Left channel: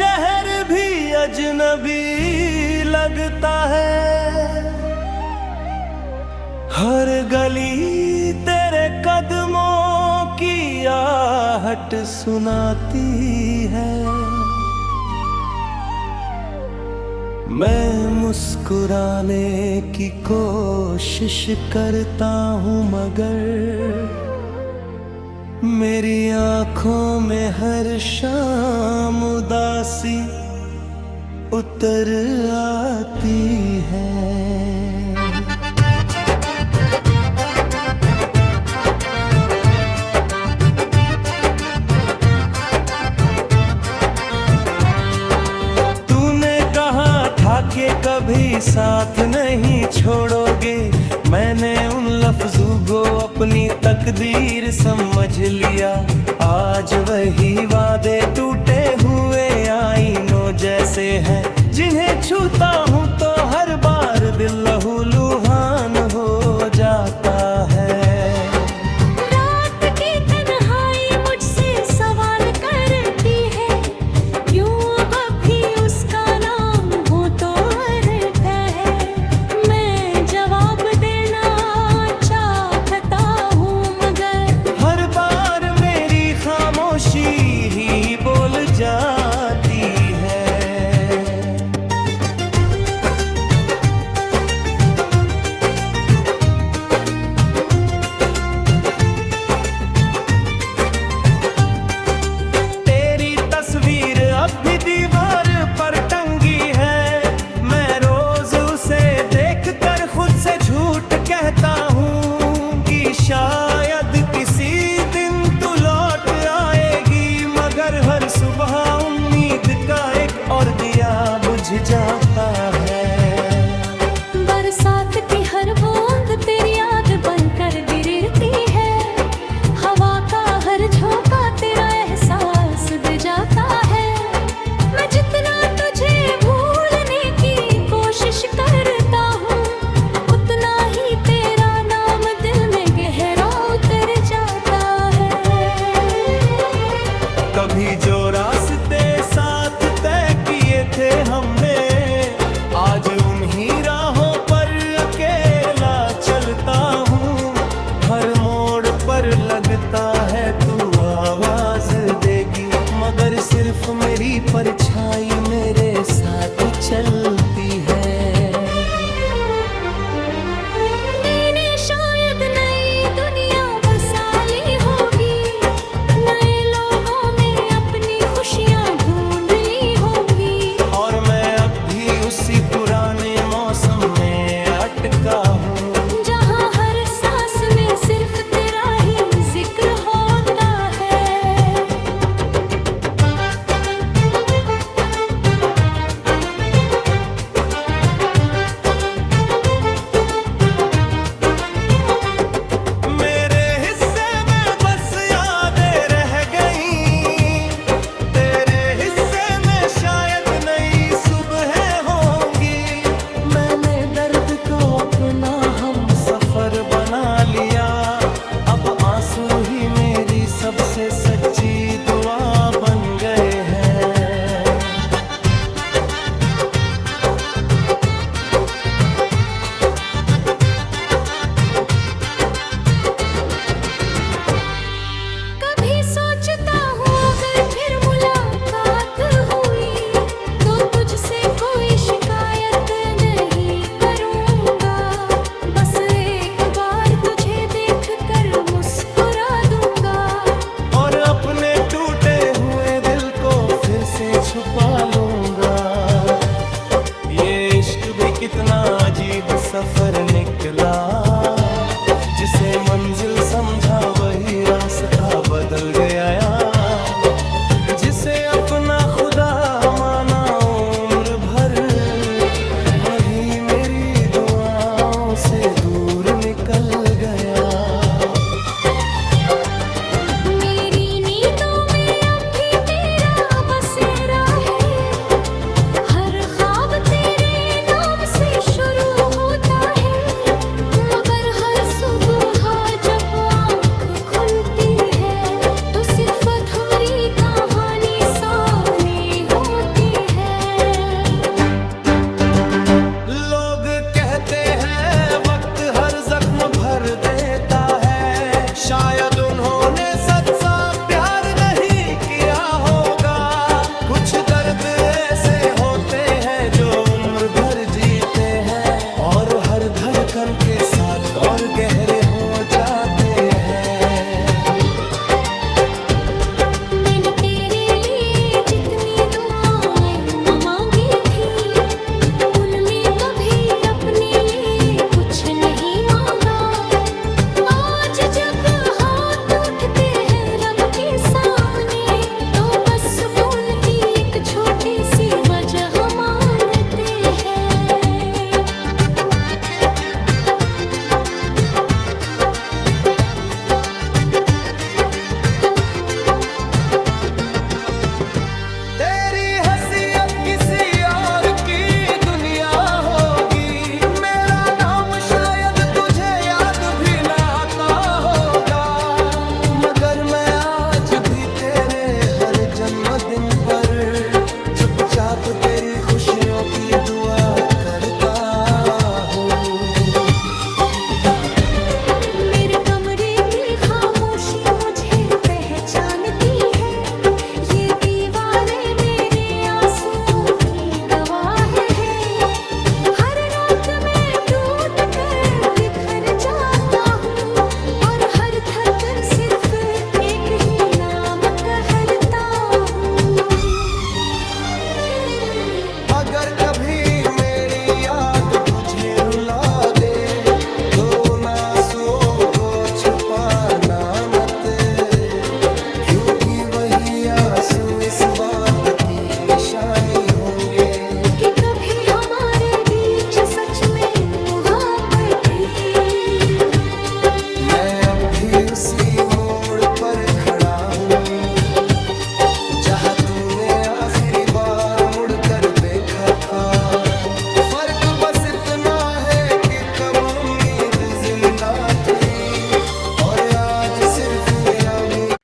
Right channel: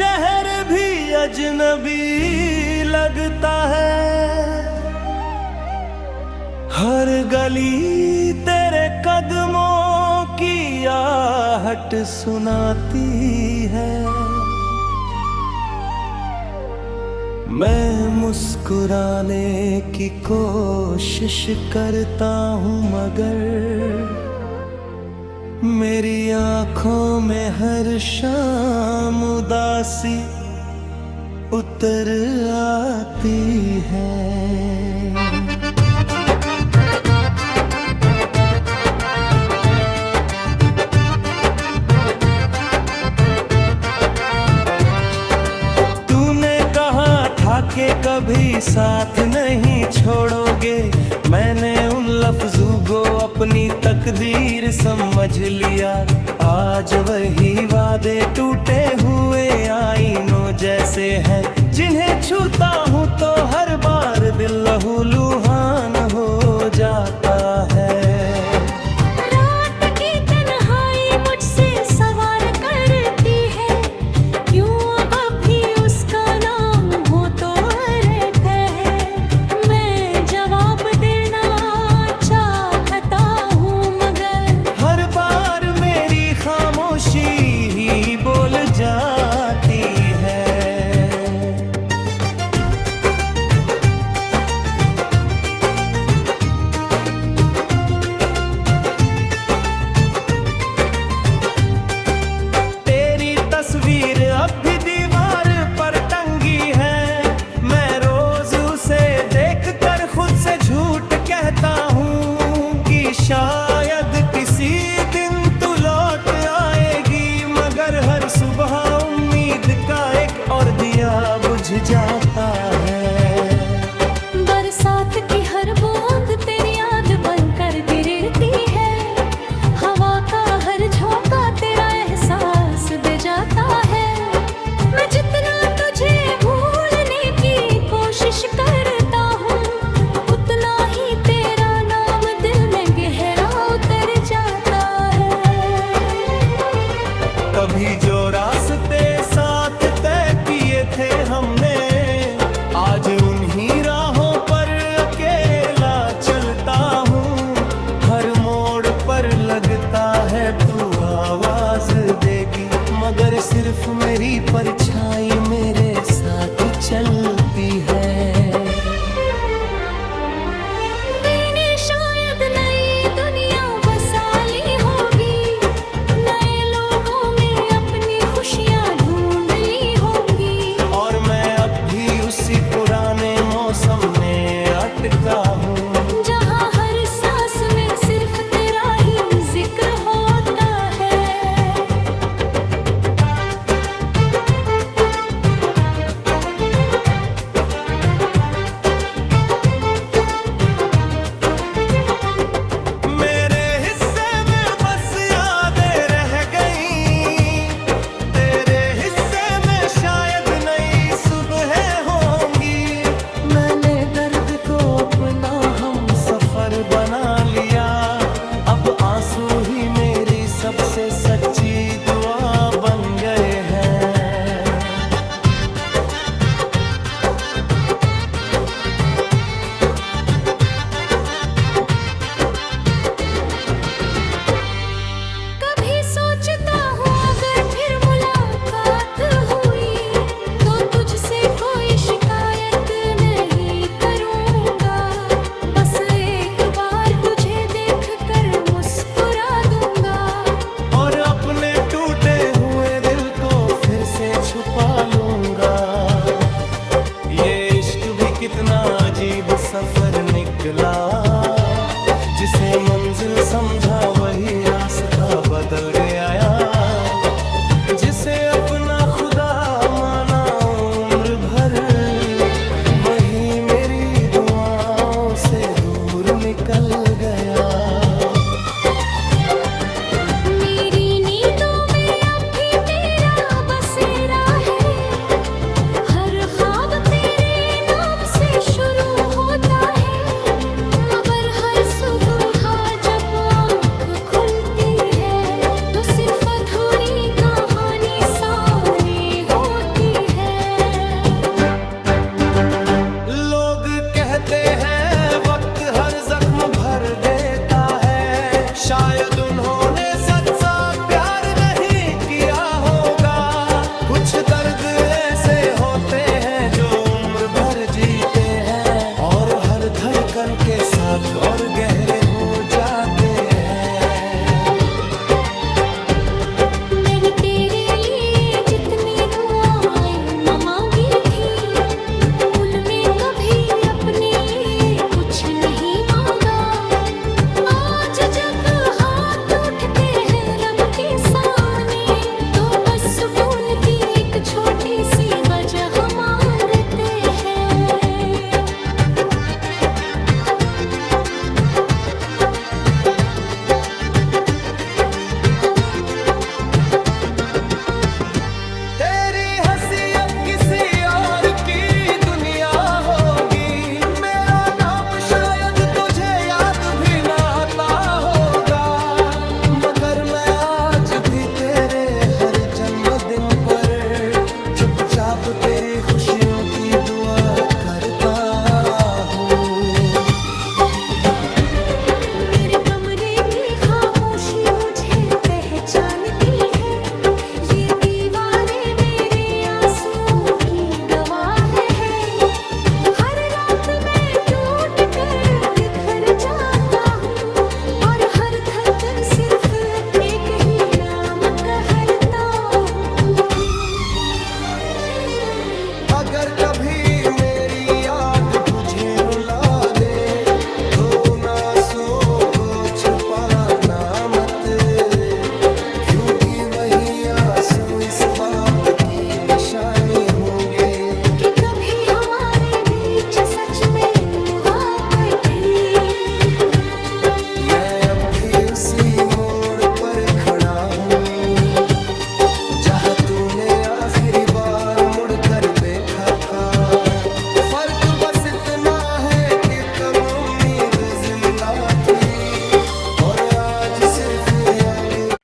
शहर भी अजनबी लगता है। हर गली तेरे कदमों की आहट सुनाती है। मैं मुस्कुराने की कोशिश करता हूँ मगर मेरी आँखों में हर शाम उदासी उतर आती है। के कभी साथ नहीं छोड़ोगे, मैंने उन लफ्जों को अपनी तकदीर समझ लिया। आज वही वादे टूटे हुए आईनों जैसे हैं, जिन्हें छूता हूँ तो हर बार दिल लहूलुहान हो जाता है। ही बोल जाती है। तेरी तस्वीर अब भी दीवार पर टंगी है। मैं रोज उसे देखकर खुद से झूठ कहता हूँ कि शायद किसी दिन तू लौट आएगी, मगर हर सुबह उम्मीद का एक और दिया बुझ जाता है। बरसात की हर बूंद तेरी याद बनकर गिरती है। हवा का हर झोंका तेरा एहसास दे जाता है। मैं जितना तुझे भूलने की कोशिश करता हूँ, उतना ही तेरा नाम दिल में गहरा उतर जाता है। कभी जो रास्ते साथ तय किए थे हमने, आज उन्हीं राहों पर अकेला चलता हूँ। हर मोड़ पर लगता है तू आवाज देगी, मगर सिर्फ मेरी परछाई मेरे साथ चलती है। उसी पुराने मौसम में अटका हूँ, जहाँ हर सांस में सिर्फ तेरा ही जिक्र होता है। मेरे हिस्से में बस यादें रह गई, तेरे हिस्से में शायद नई सुबह सफर बना लिया। अब आंसू ही मेरी सबसे सच्ची दुआ बन गए हैं। कभी सोचता हूँ अगर फिर मुलाकात हुई तो तुझसे कोई शिकायत नहीं करूँगा। बस एक बार तुझे देखकर मुस्कुरा दूंगा और अपने टूटे हुए दिल को फिर से छुपा लूंगा। ये इश्क भी कितना अजीब सफर निकला, जिसे मंजिल समझा वही रास्ता बदल गया। जिसे अपना खुदा माना उम्र भर, वही मेरी दुआओं से दूर निकल गया। तो सिर्फ अधूरी कहानी सा धड़कन के साथ और गहरे हो जाते हैं। मैंने तेरे लिए जितनी दुआएं न मांगी थी, उनमें कभी अपने लिए कुछ नहीं मांगा। आज जब हाथ उठते हैं रब के सामने, तो बस सुकून की एक छोटी सी वजह मांगते हैं। तेरी हंसी अब किसी और की दुनिया होगी, मेरा नाम शायद तुझे याद भी ना आता होगा, मगर मैं आज भी तेरे हर जन्मदिन पर चुपचाप तेरी खुशियों की दुआ करता हूँ। मेरे कमरे की खामोशी मुझे पहचानती है, ये दीवारें मेरे आंसुओं की गवाह है। हर रात मैं टूट कर बिखर जाता हूँ, और हर धड़कन सिर्फ एक ही नाम कहता हूँ। अगर कभी मेरी याद तुझे रुला दे, तो उन आंसुओं को छुपाना मत, क्योंकि वही आंसू इस बात की निशानी होंगे कि कभी हमारे बीच सच में मुहब्बत थी। मैं अब भी उसी मोड़ पर खड़ा हूँ, जहाँ तूने आखिरी बार मुड़कर देखा था। फर्क बस इतना है कि तब उम्मीद जिंदा थी, और आज सिर्फ यादें।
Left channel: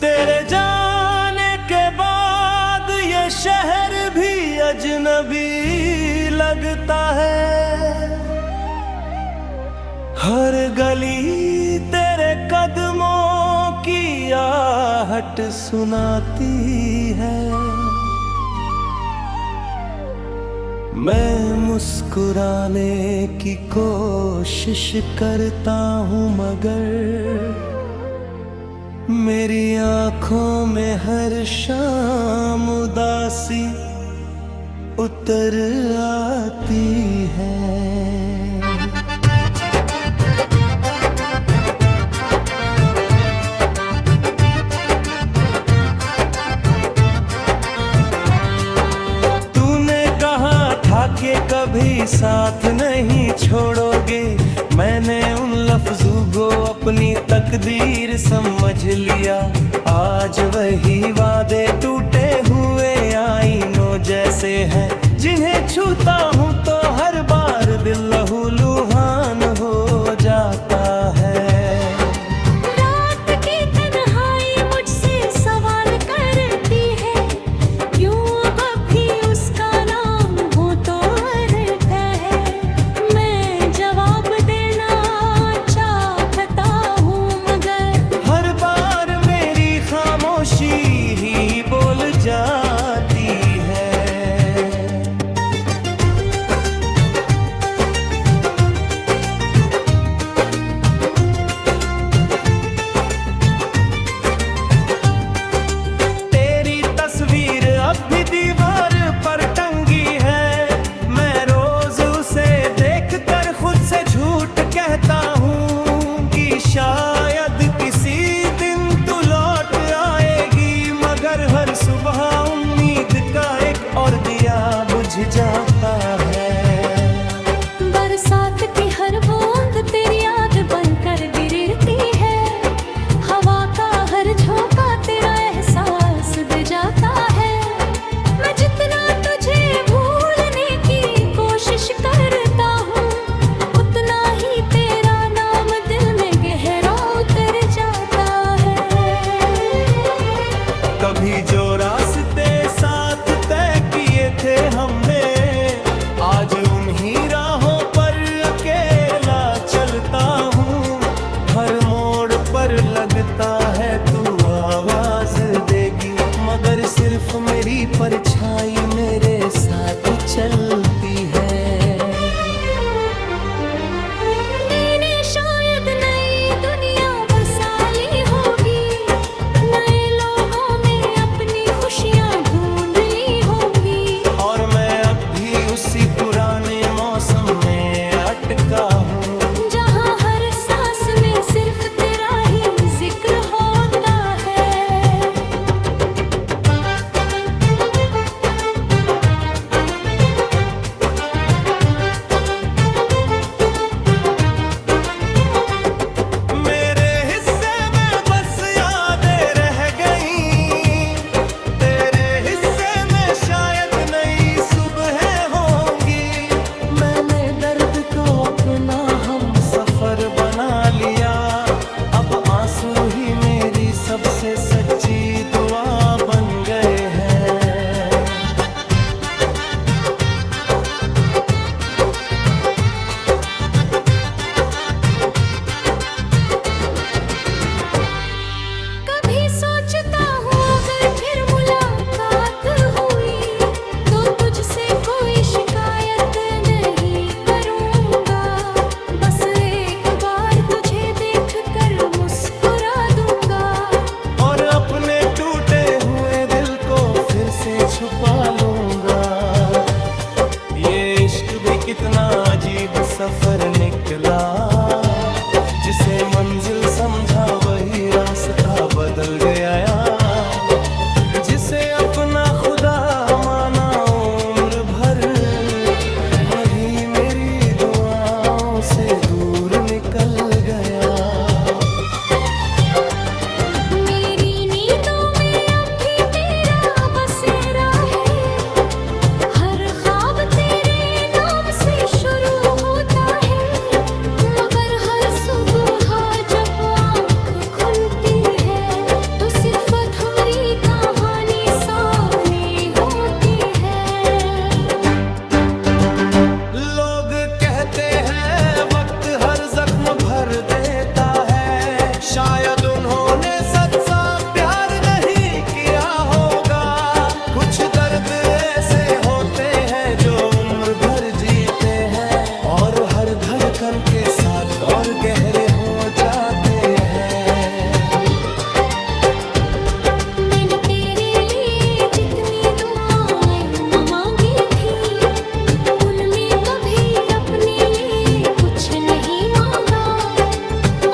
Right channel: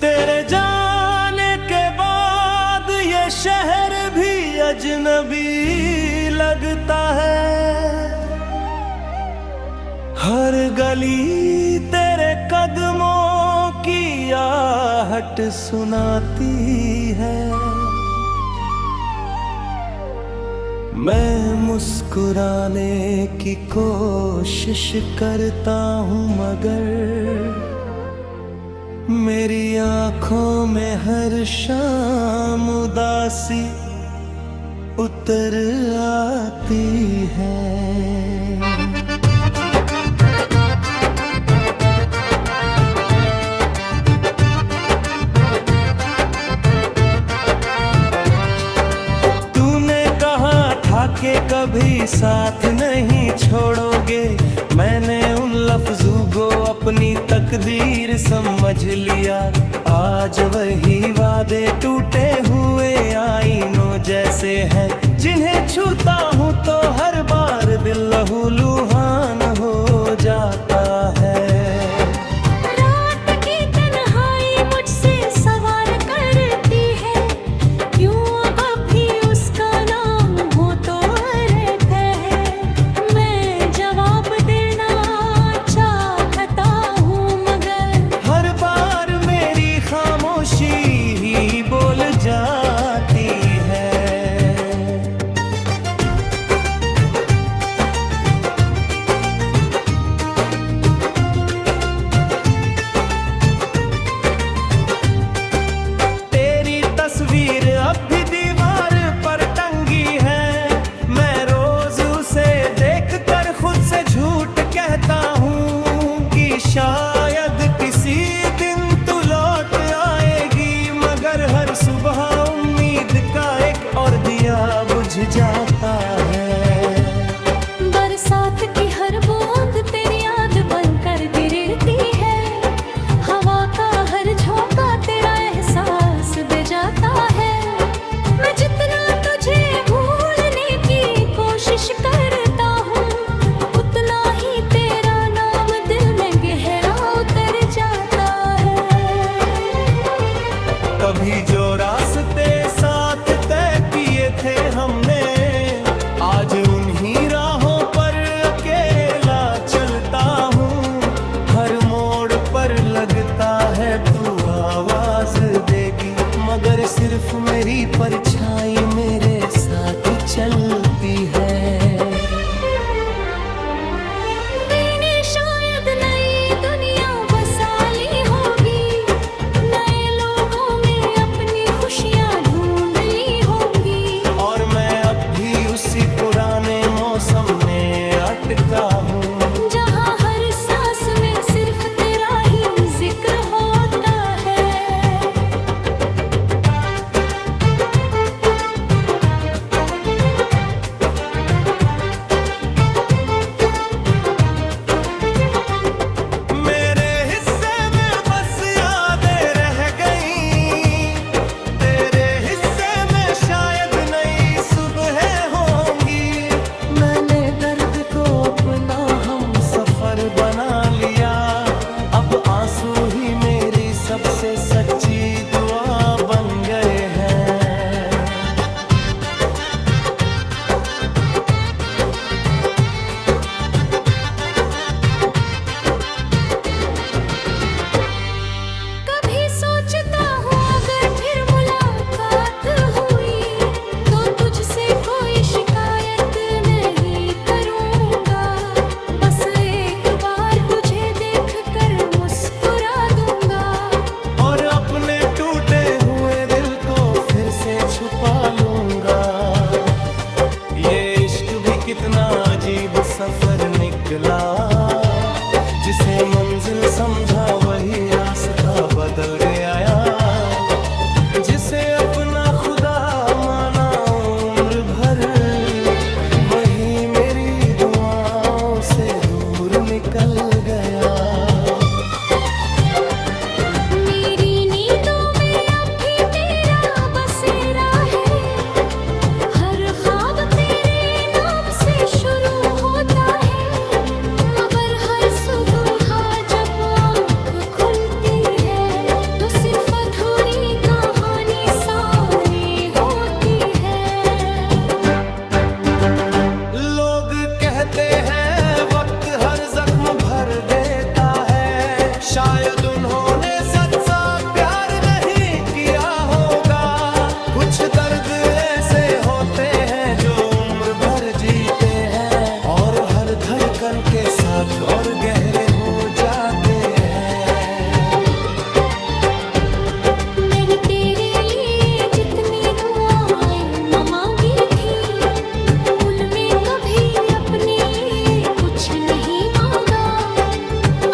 तेरे जाने के बाद ये शहर भी अजनबी लगता है, हर गली तेरे कदमों की आहट सुनाती है। मैं मुस्कुराने की कोशिश करता हूँ, मगर मेरी आंखों में हर शाम उदासी उतर आती है। तूने कहा था कि कभी साथ नहीं छोड़ोगे, मैंने उन लफ्जों को अपनी तकदीर समझ लिया। आज वही वादे टूटे हुए आईनों जैसे हैं, जिन्हें छूता हूँ तो हर बार दिल लहूलुहान हो जाता है। रात की तन्हाई मुझसे सवाल करती है, क्यों अब भी उसका नाम हो तो रहता है। मैं जवाब देना चाहता हूँ, मगर हर बार मेरी खामोशी ही बोल जाती है। तेरी तस्वीर अब भी दीवार पर टंगी है, मैं रोज उसे देखकर खुद से झूठ कहता हूँ कि शायद किसी दिन तू लौट आएगी, मगर हर सुबह उम्मीद का एक और दिया बुझ जाता है। बरसात की हर बूंद तेरी याद बनकर गिरती है, हवा का हर झोंका तेरा एहसास दे जाता है। मैं जितना तुझे भूलने की कोशिश करता हूँ, कभी जो रास्ते साथ तय किए थे हमने, आज उन्हीं राहों पर अकेला चलता हूँ। हर मोड़ पर लगता है तू आवाज देगी, मगर सिर्फ मेरी परछाई मेरे साथ चलती है। मैंने शायद नई दुनिया बसा ली होगी, नए लोगों में अपनी खुशियाँ ढूंढ ली होंगी, और मैं अब भी उसी पुराने मौसम में अटका हूँ, जहाँ हर सांस में सिर्फ तेरा ही जिक्र होता है। मेरे हिस्से में बस यादें रह गईं, तेरे हिस्से में शायद नई सुबह होंगी। मैंने दर्द को अपना हम सफर बना लिया, अब आंसू ही मेरी सबसे सच्ची दुआ बन गए हैं। कभी सोचता हूँ अगर फिर मुलाकात हुई, तो तुझसे कोई शिकायत नहीं करूँगा, बस एक बार तुझे देख कर मुस्कुरा दूंगा, और अपने टूटे हुए दिल को फिर से छुपा लूंगा। ये इश्क भी कितना अजीब सफर निकला, जिसे मंजिल समझा वही रास्ता बदल गया, जिसे अपना खुदा माना उम्र भर, वही मेरी दुआओं से दूर निकल गया। मेरी नींदों में अब भी तेरा बसेरा है, हर ख्वाब तेरे नाम से शुरू होता है, मगर हर सुबह जब आँख खुलती है, तो सिर्फ अधूरी कहानी सामने होती है। लोग कहते हैं वक्त हर जख्म भर देता है, शायद उन्होंने सच्चा प्यार नहीं किया होगा। कुछ दर्द ऐसे होते हैं जो उम्र भर जीते हैं, और हर धड़कन के साथ और गहरे हो जाते हैं। मैंने तेरे लिए जितनी दुआएं न मांगी थी, उनमें कभी अपने लिए कुछ नहीं मांगा।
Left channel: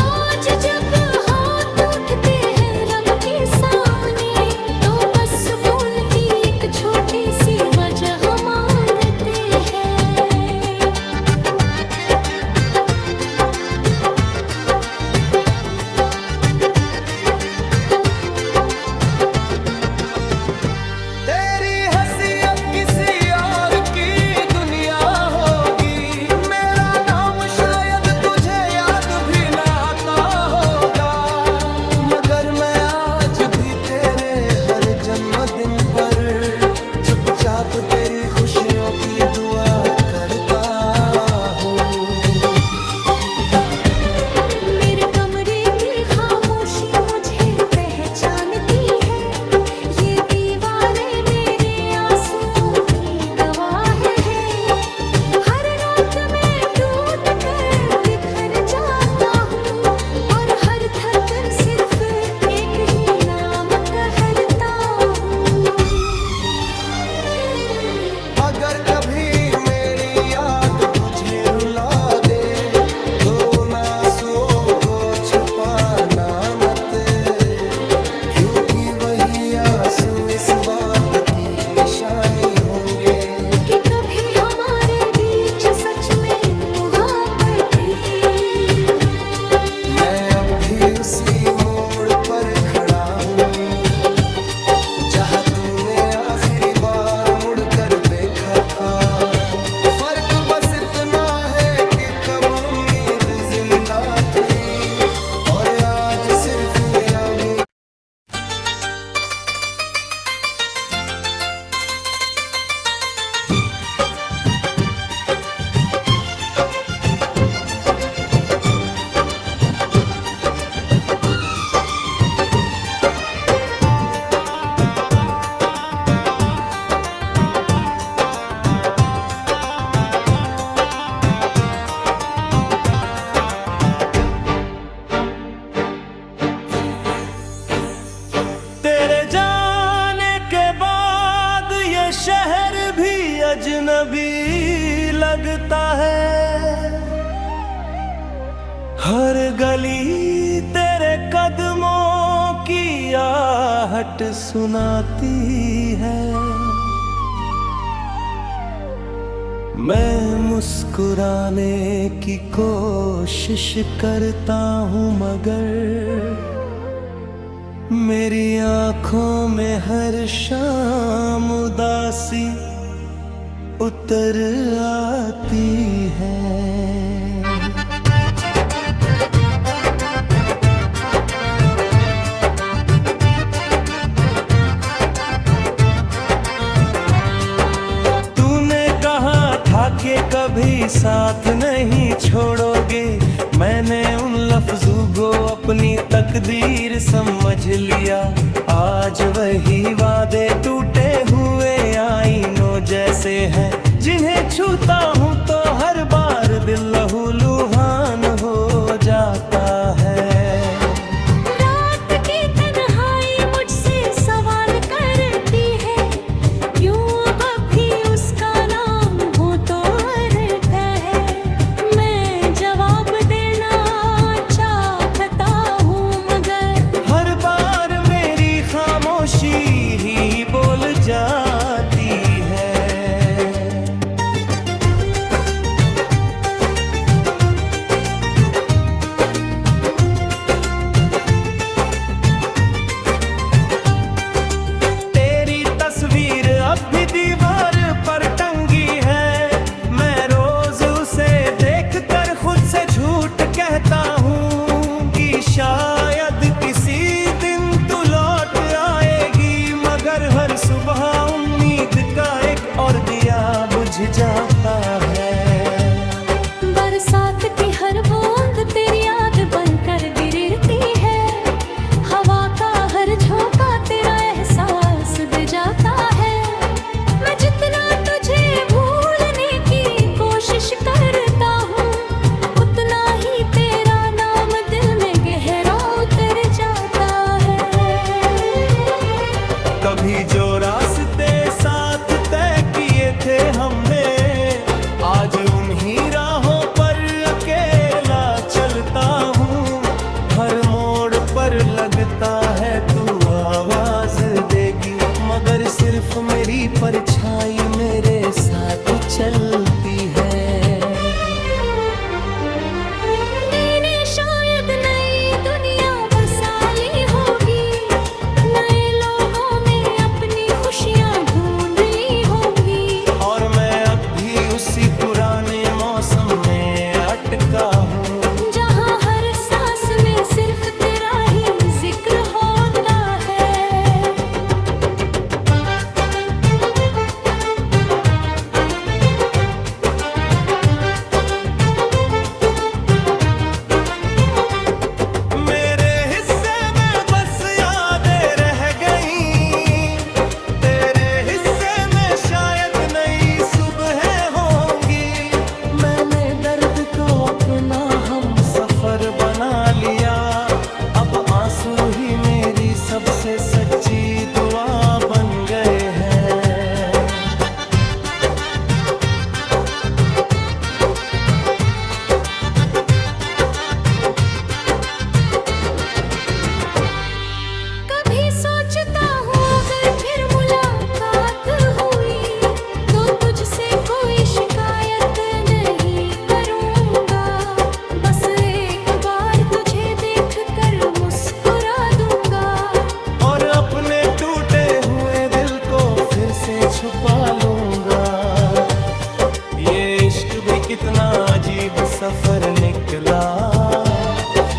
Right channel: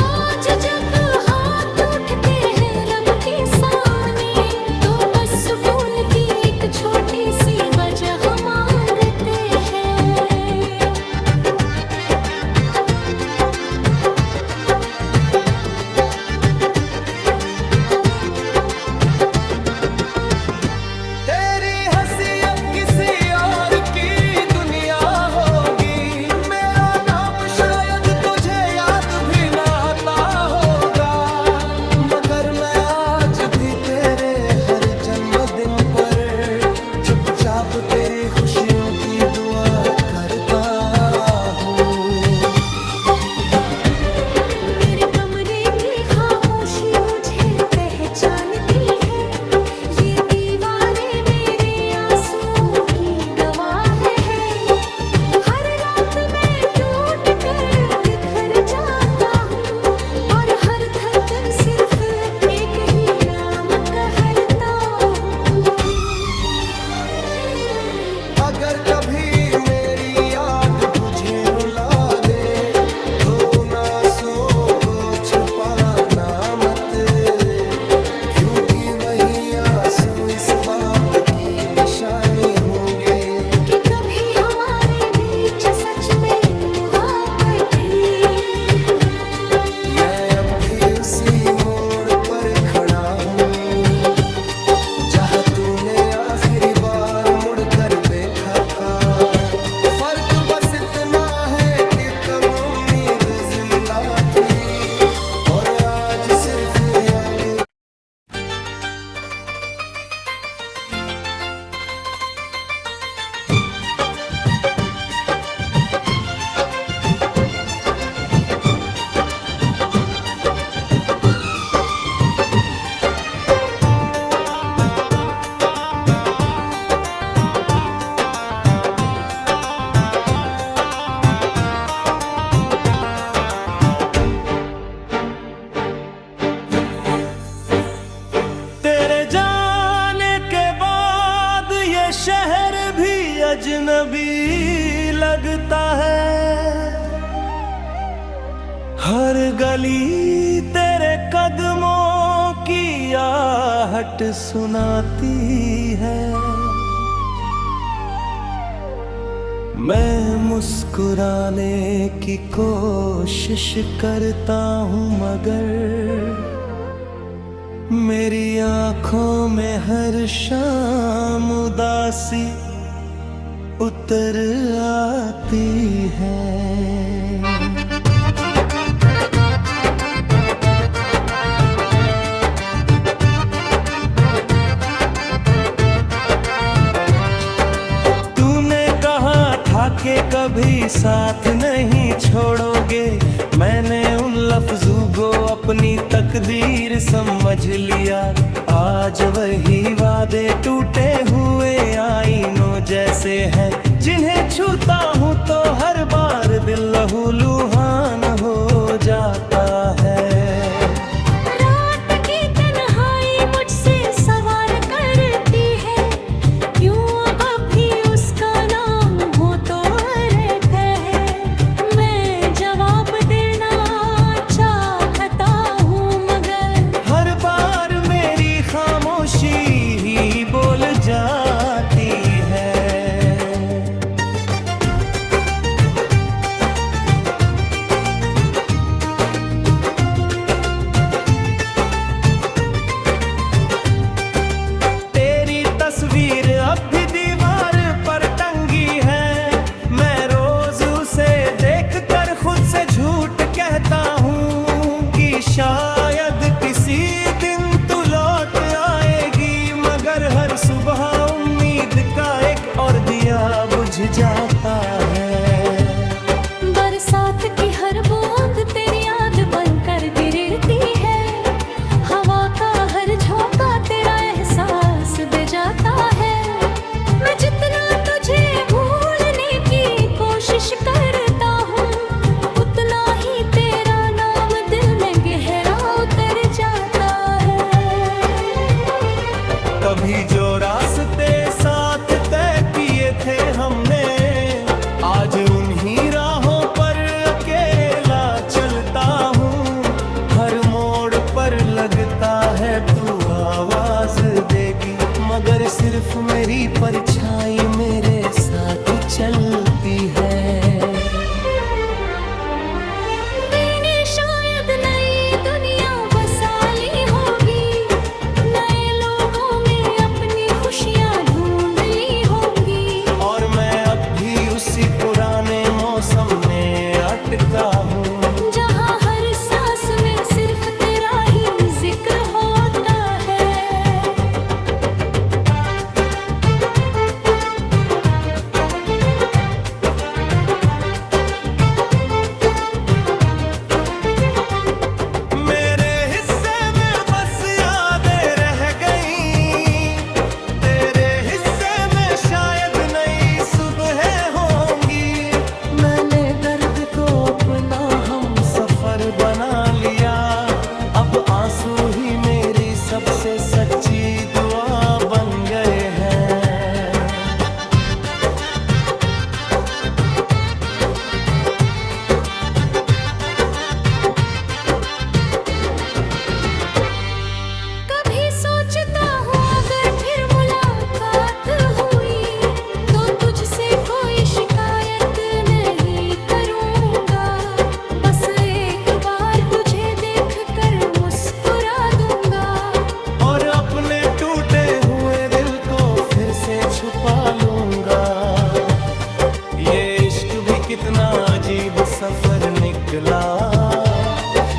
आज जब हाथ उठते हैं रब के सामने, तो बस सुकून की एक छोटी सी वजह मांगते हैं। तेरी हंसी अब किसी और की दुनिया होगी, मेरा नाम शायद तुझे याद भी ना आता होगा, मगर मैं आज भी तेरे हर जन्मदिन पर चुपचाप तेरी खुशियों की दुआ करता हूँ। मेरे कमरे की खामोशी मुझे पहचानती है, ये दीवारें मेरे आंसुओं की गवाह है। हर रात मैं टूट कर बिखर जाता हूँ, और हर धड़कन सिर्फ एक ही नाम कहता हूँ। अगर कभी मेरी याद तुझे रुला दे, तो उन आंसुओं को छुपाना मत, क्योंकि वही आंसू इस बात की निशानी होंगे कि कभी हमारे बीच सच में मुहब्बत थी। मैं अब भी उसी मोड़ पर खड़ा हूँ, जहाँ तूने आखिरी बार मुड़कर देखा था। फर्क बस इतना है कि तब उम्मीद जिंदा थी, और आज सिर्फ यादें। शहर भी अजनबी लगता है। हर गली तेरे कदमों की आहट सुनाती है। मैं मुस्कुराने की कोशिश करता हूँ मगर मेरी आँखों में हर शाम उदासी उतर आती है। के कभी साथ नहीं छोड़ोगे, मैंने उन लफ्जों को अपनी तकदीर समझ लिया। आज वही वादे टूटे हुए आईनों जैसे हैं, जिन्हें छूता हूँ तो हर बार दिल लहूलुहान हो जाता है। ही बोल जाती है। तेरी तस्वीर अब भी दीवार पर टंगी है। मैं रोज उसे देखकर खुद से झूठ कहता हूँ कि शायद किसी दिन तू लौट हर सुबह उम्मीद का एक और दिया बुझ जाता है। बरसात की हर बूंद तेरी याद बनकर गिरती है। हवा का हर झोंका तेरा एहसास दे जाता है। मैं जितना तुझे भूलने की कोशिश करता हूँ, उतना ही तेरा नाम दिल में गहरा उतर जाता है। कभी जो रास्ते साथ तय किए थे हमने, आज उन्हीं राहों पर अकेला चलता हूँ। हर मोड़ पर लगता है तू आवाज देगी, मगर सिर्फ मेरी परछाई मेरे साथ चलती है। उसी पुराने मौसम में अटका हूँ, जहाँ हर सांस में सिर्फ तेरा ही जिक्र होता है। मेरे हिस्से में बस यादें रह गई, तेरे हिस्से में शायद नई सुबह सफर बना लिया। अब आंसू ही मेरी सबसे सच्ची दुआ बन गए हैं। कभी सोचता हूँ अगर फिर मुलाकात हुई तो तुझसे कोई शिकायत नहीं करूँगा। बस एक बार तुझे देखकर मुस्कुरा दूंगा और अपने टूटे हुए दिल को फिर से छुपा लूंगा। ये इश्क भी कितना अजीब सफर निकला,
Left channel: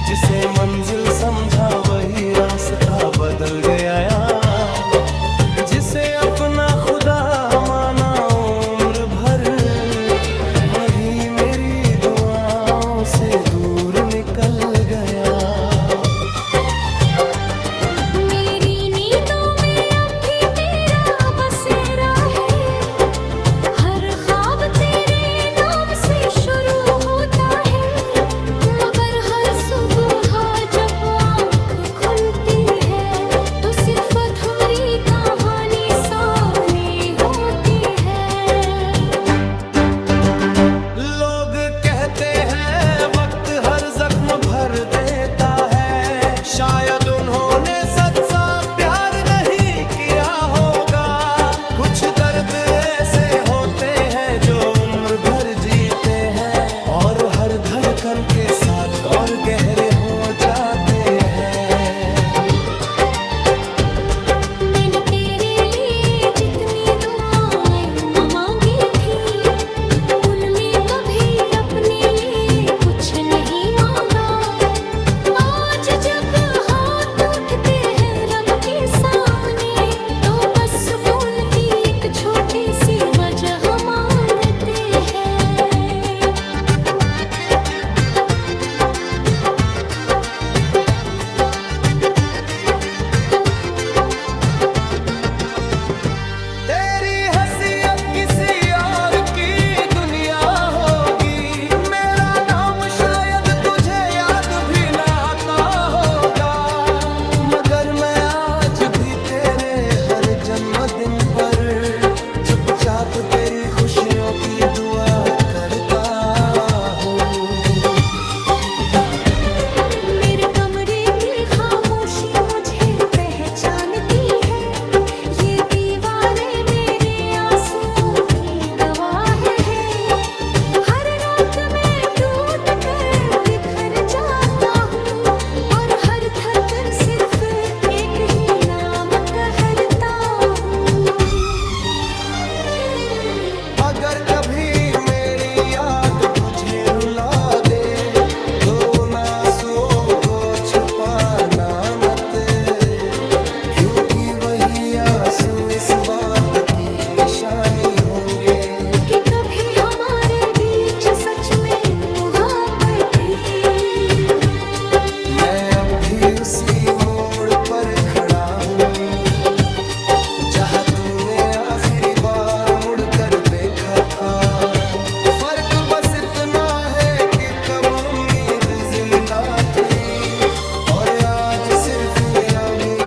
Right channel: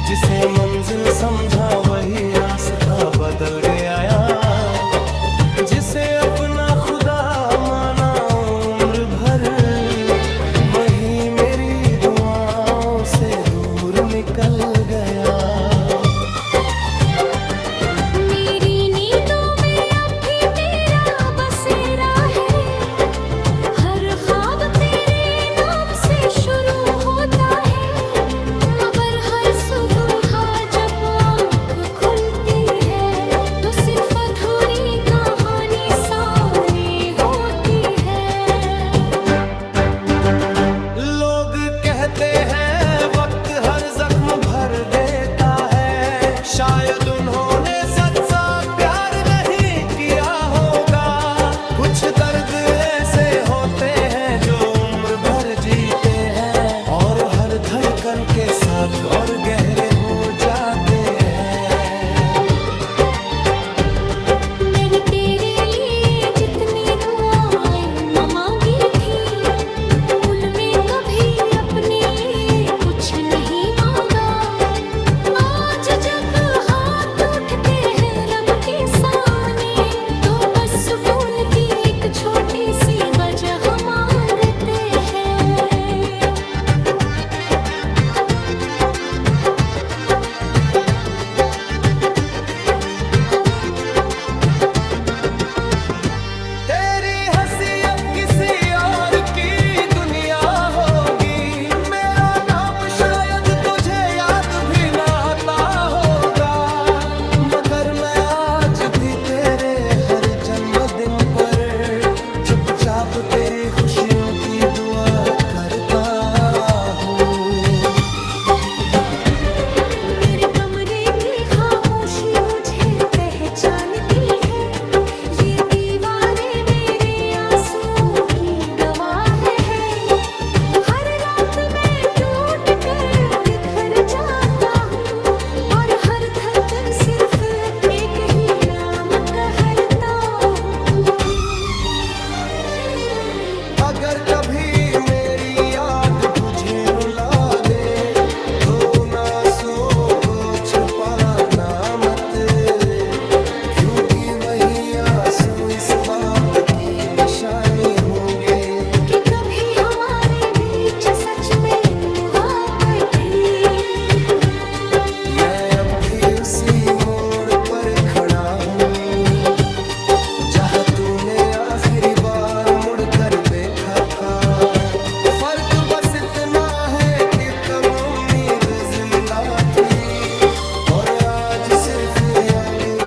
जिसे मंजिल समझा वही रास्ता बदल गया। जिसे अपना खुदा माना उम्र भर, वही मेरी दुआओं से दूर निकल गया। तो सिर्फ अधूरी कहानी सा धड़कन के साथ और गहरे हो जाते हैं। मैंने तेरे लिए जितनी दुआएं न मांगी थी, उनमें कभी अपने लिए कुछ नहीं मांगा। आज जब हाथ उठते हैं रब के सामने, तो बस सुकून की एक छोटी सी वजह मांगते हैं। तेरी हंसी अब किसी और की दुनिया होगी, मेरा नाम शायद तुझे याद भी ना आता होगा, मगर मैं आज भी तेरे हर जन्मदिन पर चुपचाप तेरी खुशियों की दुआ करता हूँ। मेरे कमरे की खामोशी मुझे पहचानती है, ये दीवारें मेरे आंसुओं की गवाह है। हर रात मैं टूट कर बिखर जाता हूँ, और हर धड़कन सिर्फ एक ही नाम कहता हूँ। अगर कभी मेरी याद तुझे रुला दे, तो उन आंसुओं को छुपाना मत, क्योंकि वही आंसू इस बात की निशानी होंगे कि कभी हमारे बीच सच में मुहब्बत थी। मैं अब भी उसी मोड़ पर खड़ा हूँ, जहाँ तूने आखिरी बार मुड़कर देखा था। फर्क बस इतना है कि तब उम्मीद जिंदा थी, और आज सिर्फ यादें